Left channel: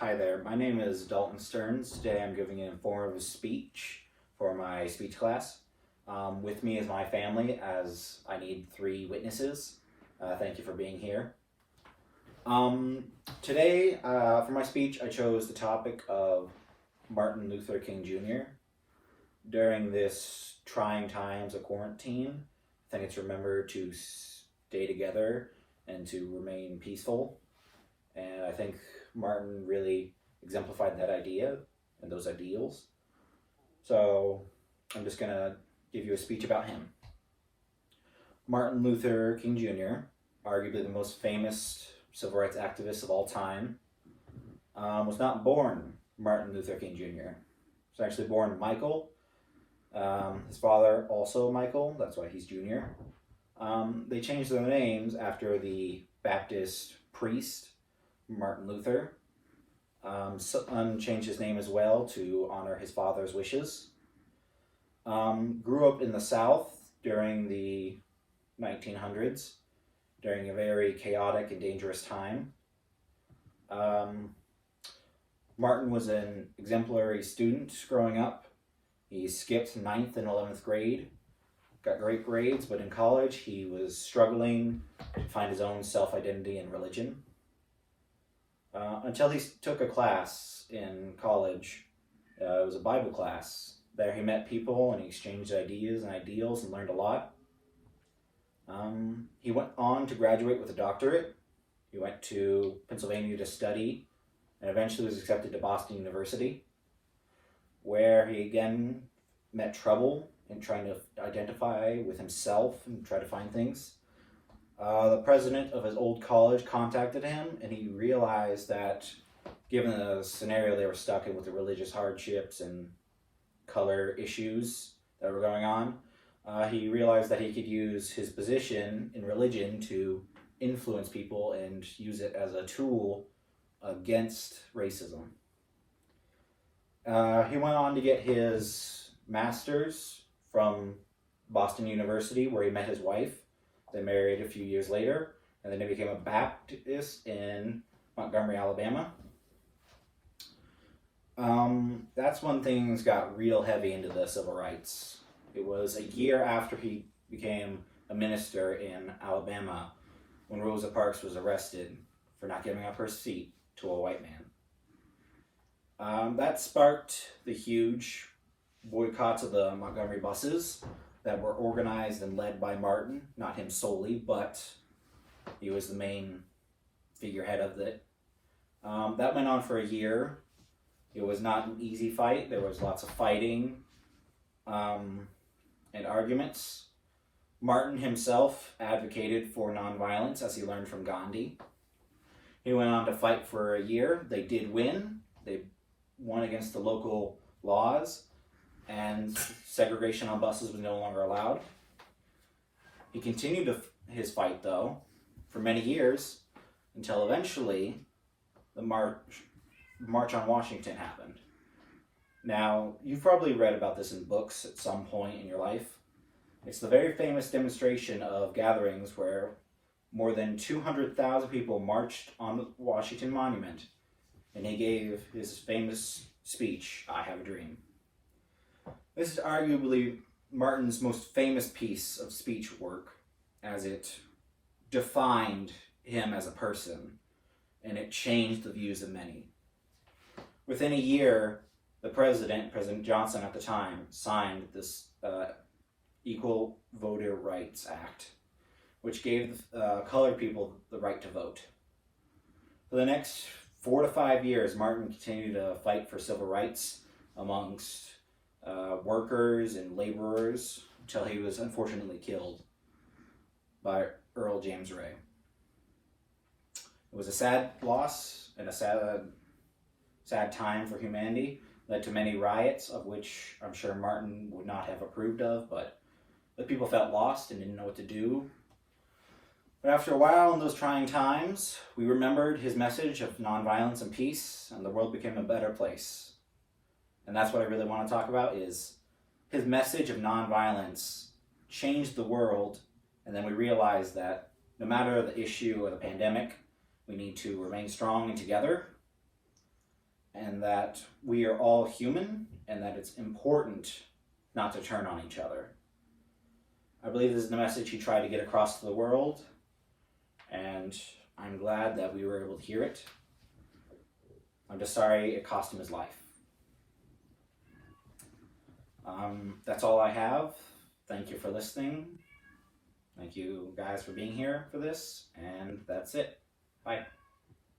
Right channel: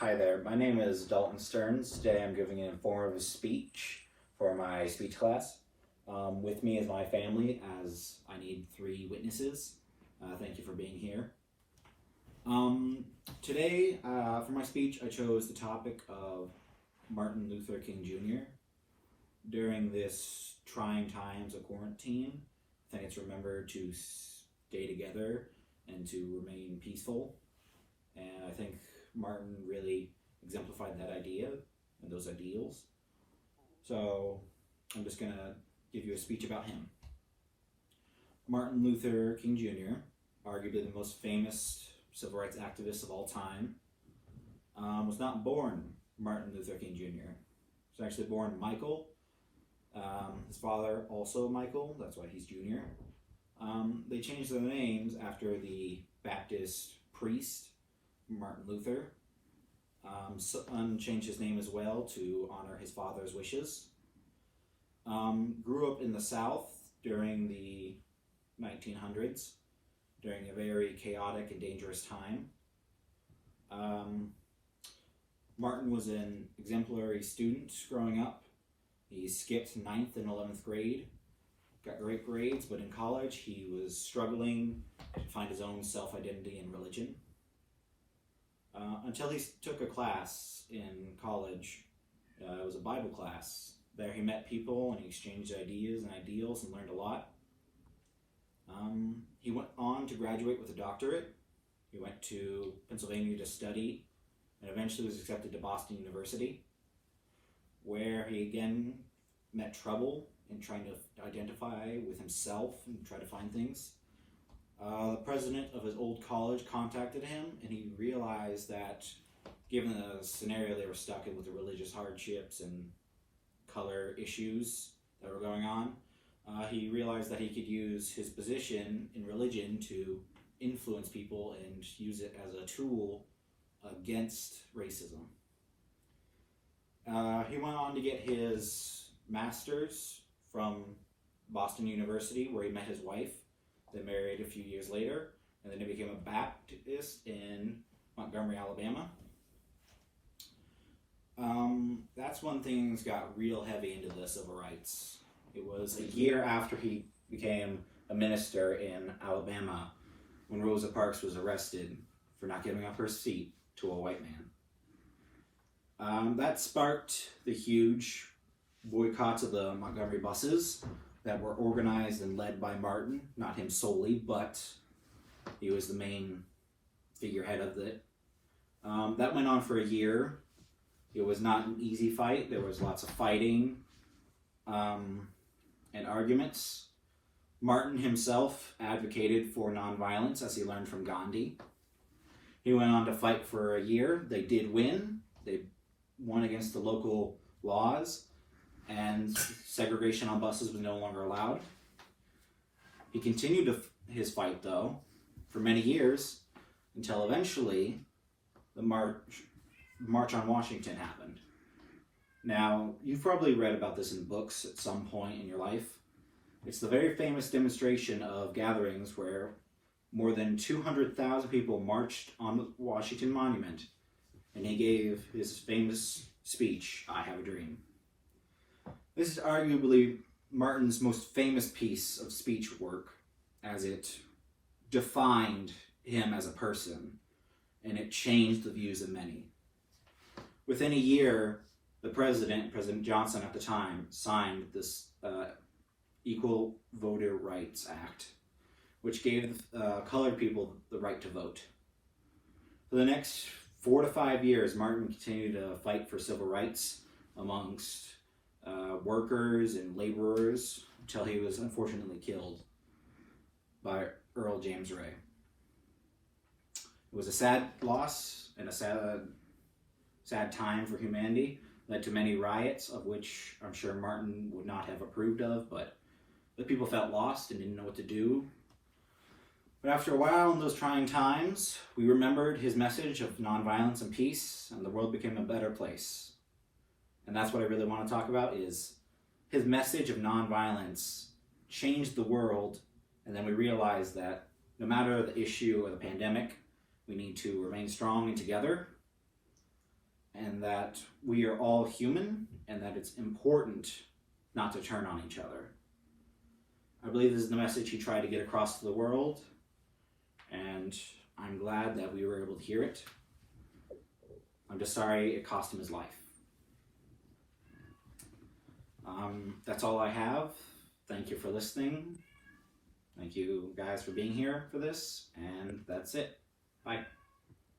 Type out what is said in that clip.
Hi there, my name is Dalton Stearns. Today I'm giving an informative speech for my speech class. With me is my family, as I need 3 witnesses. Thank you for being here. Today, for my speech, I chose the topic of Martin Luther King Jr. During this trying times of quarantine, I think it's remembered to stay together and to remain peaceful. And I think Martin really exemplified that idea and those ideals. So I'm just going to give you a speech about him. Martin Luther King Jr., arguably the most famous civil rights activist of all time, was not born Martin Luther King Jr. He was actually born Michael. His father also Michael, that's why he's Jr. They changed their names after the Baptist priest Martin Luther. Son changed his name as well to honor his father's wishes. Grew up in the South during the 1900s, during a very chaotic and dangerous time. Martin was an exemplary student growing up. He skipped 9th and 11th grade, got great grades, but in college he was struggling to find his own self-identity and religion. Until he took a class in college. It was a Bible class. There he met people and he exchanged ideas and ideals and learned a lot. He went on to graduate with a doctorate. He went to Pennsylvania to study and eventually was accepted to Boston University, where he again met trouble in trying to identify with himself and try to find things. The president of his old college contacted him, and he realized that given the scenario they were stuck in with the religious hardships and color issues that were going on, he realized that he could use his position in religion to influence people and use it as a tool against racism. He went on to get his master's from Boston University, where he met his wife. They married a few years later, and then he became a Baptist in Montgomery, Alabama. That's when things got real heavy into the civil rights. It was a year after he became a minister in Alabama when Rosa Parks was arrested for not giving up her seat to a white man. That sparked the huge boycotts of the Montgomery buses that were organized and led by Martin, not him solely, but he was the main figurehead of it. That went on for a year. It was not an easy fight. There was lots of fighting and arguments. Martin himself advocated for nonviolence, as he learned from Gandhi. He went on to fight for a year. They did win. They won against the local laws, and segregation on buses was no longer allowed. He continued his fight, though, for many years, until eventually the March on Washington happened. Now, you've probably read about this in books at some point in your life. It's the very famous demonstration of gatherings where more than 200,000 people marched on the Washington Monument, and he gave his famous speech, "I Have a Dream." This is arguably Martin's most famous piece of speech work, as it defined him as a person, and it changed the views of many. Within a year, the President Johnson at the time, signed this Equal Voter Rights Act, which gave colored people the right to vote. For the next 4 to 5 years, Martin continued to fight for civil rights amongst workers and laborers until he was unfortunately killed by Earl James Ray. It was a sad loss and a sad time for humanity. Led to many riots, of which I'm sure Martin would not have approved of, but the people felt lost and didn't know what to do. But after a while, in those trying times, we remembered his message of nonviolence and peace, and the world became a better place. And that's what I really want to talk about, is his message of nonviolence changed the world, and then we realized that no matter the issue or the pandemic, we need to remain strong and together. and that we are all human, and that it's important not to turn on each other. I believe this is the message he tried to get across to the world, and I'm glad that we were able to hear it. I'm just sorry it cost him his life. That's all I have. Thank you for listening. Thank you guys for being here for this, and that's it. Bye.